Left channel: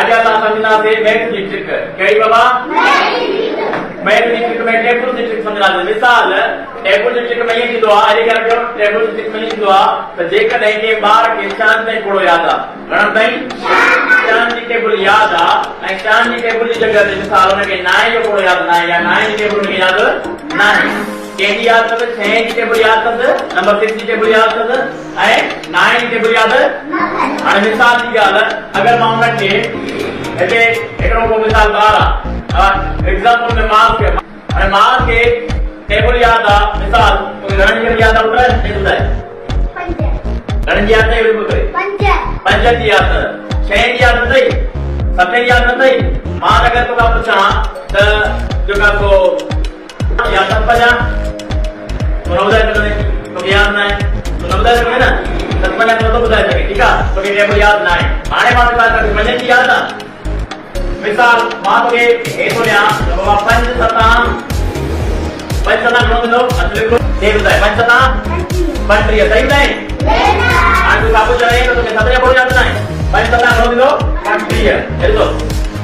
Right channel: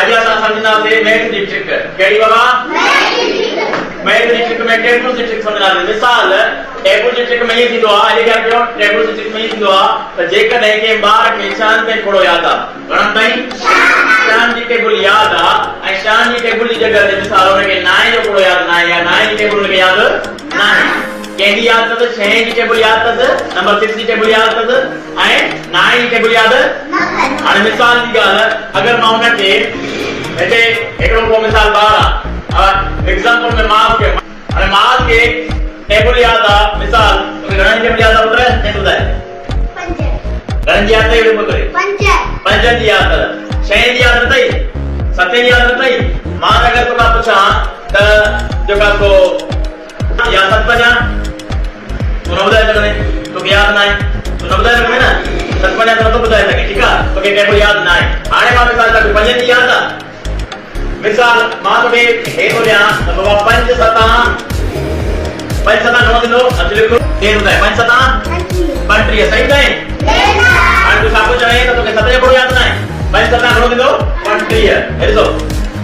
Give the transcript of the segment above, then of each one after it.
आज असां सम्झंदासीं met district कहिड़ी बाबा मेट डिस्ट्रिक्ट में टेपुर डिस्ट्रिक्ट सम्झंदासीं मिसाल टेपुर डिस्ट्रिक्ट में ये थींदो आहे अॼु कयो टेपुर डिस्ट्रिक्ट में ये थींदो आहे त जेकॾहिं के ॿार खे शान ते थोरो यादि आहे घणनि ताईं शान जी टेबल यादि आहे ऐं शान जी टेबल जी जॻह ते मिसाल हुनखे नाए जो थोरो यादि न आहे या नाए जी टेबल हुनखे यादि न आहे कंहिंजी यादि अथसि 6 जी टेबल यादि अथसि नंबर 6 जी टेबल यादि अथसि ऐं 9 जी टेबल यादि हाणे मिसाल जी ॻाल्हि अगरि मां हुनखे हिते हिकिड़ो को मिसाल ॿार आहे एग्जाम्पल में माल खे हाणे माल खे टेबल यादि आहे मिसाल घणनि टेबल यादि आहे ॿुधाए साईं ॿुधाए घणनि जी यादि अथई अहिड़ो करे 5 जी यादि 6 जी यादि अथई 7 जी यादि अथई मां अगरि तोखां पुछां त जेका को या 7 तू ॿुधाए सघंदे तोखे यादि न आहे तू न ॿुधाए सघंदे न 7 तो नथो ॿुधाए सघे ठीकु आहे तोखे टेबल यादि न आहे हाणे मां मिसाल तोखे 5 जी यादि आहे मिसाल मां तोखे हे थो ॾियां त बाबा 5 7 घणो थींदो अचु लिखो केरु ॿुधाए 5 7 35 सही ॿुधाए हाणे तूं साॻियो चवे त तोखे 7 जो कोई यादि न आहे 5 7 घणो थींदो 35 हे ॾिसो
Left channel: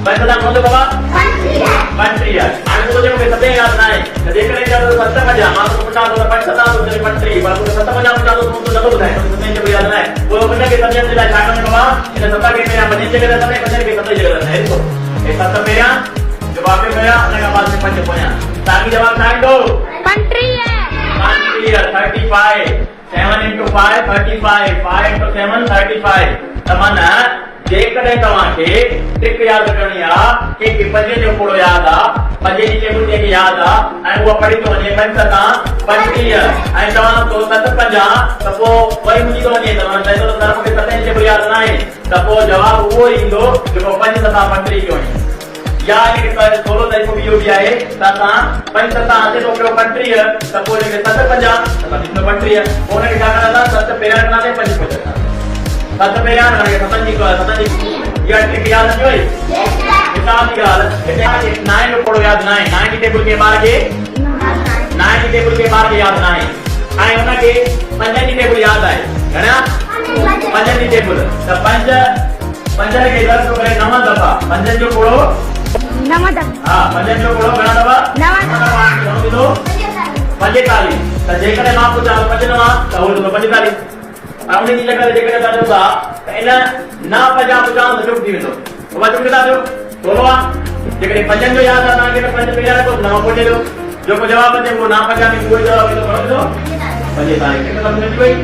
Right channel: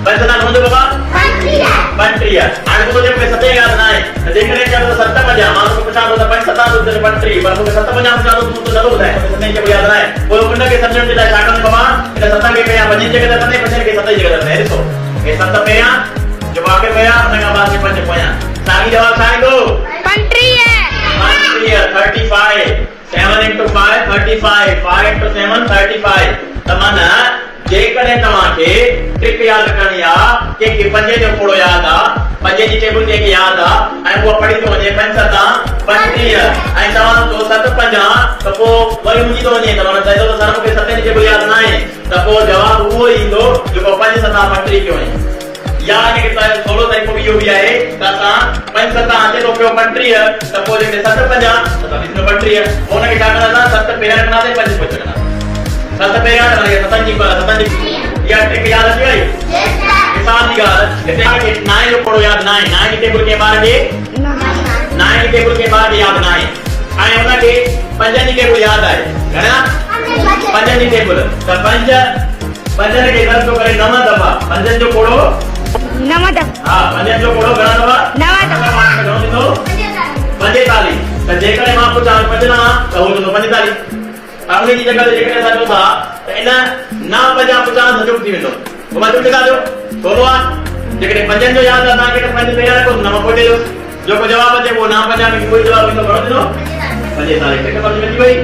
5 7 घणो थींदो बाबा 35 हाणे तोखे मूंखे 7 यादि न आहे त जेकॾहिं चयो त 7 50 मां तोखे पुछां थो त 5 7 35 पर तोखे 7 50 पुछां थो तूं नथो ॿुधाए तोखे 7 जो यादि न आहे पोइ हुनखे सम्झण जे लाइ छा करणो बाबा हिन 7 खे पहिरियां 5 जी जॻह ते 5 खे 7 जी जॻह ते ॾिसो हे 7 पहिरियां जवाब पहिरियां हुन खां बाद में 5 पोयां साॻी जवाब छा ईंदो 35 35 7 into 5 35 5 into 7 35 त माना जेकॾहिं तव्हांखे ट्रिक यादि करणी आहे के 5 जो कोड़ो यादि आहे 5 जी टेबल जेके यादि आहे ऐं उहा पढ़ी थो वञे 5 7 35 ऐं तव्हां तो 7 50 त पोइ वरी मुंहिंजी थो वञे तव्हां चए थो सर मूंखे 7 जी टेबल यादि न आहे त पोइ जवाब उहो ईंदो जेको 5 7 35 जो आहे या ये थोरो तरीक़ो इहो बि आहे त असां 5 7 अचे थो पियो 35 त पोइ जेके 7 50 त 35 पोइ हुनखे छा कंदा 7 पहिरियां कंदासीं 5 पोइ कंदा 7 पहिरियां कंदासीं 7 जी या ट्रिक यादि अची वई मिसाल जी ॻाल्हि हिते 9 जो कोड़ो यादि न आहे 9 जी टेबल खे ॿार खे 9 जी टेबल खे ॿार खे यादि न आहे ऐं हुनखे 5 जी टेबल यादि आहे घणा 5 जी टेबल त 5 खे गॾु करे 9 दफ़ा 5 जो कोड़ो 9 दफ़ा हां 5 जो कोड़ो घणा दफ़ा 9 दफ़ा घणो थींदो 45 त जेकॾहिं मां पुछां 5 9 त उहो थींदो 45 उन जी जॻह ते जेकॾहिं असां चऊं था त इन 9 50 50 त चुप थी वेंदो पोइ मां चुप लिखां थो थोरो आहे जेकॾहिं 5 जो यादि आहे तव्हांखे त 5 पहिरियां रखो 9 पोइ ॾियो जेको जवाब अचे उहो 9 50 में कोई जवाब ईंदो घणो थींदो 45 हिकु बार मिली वई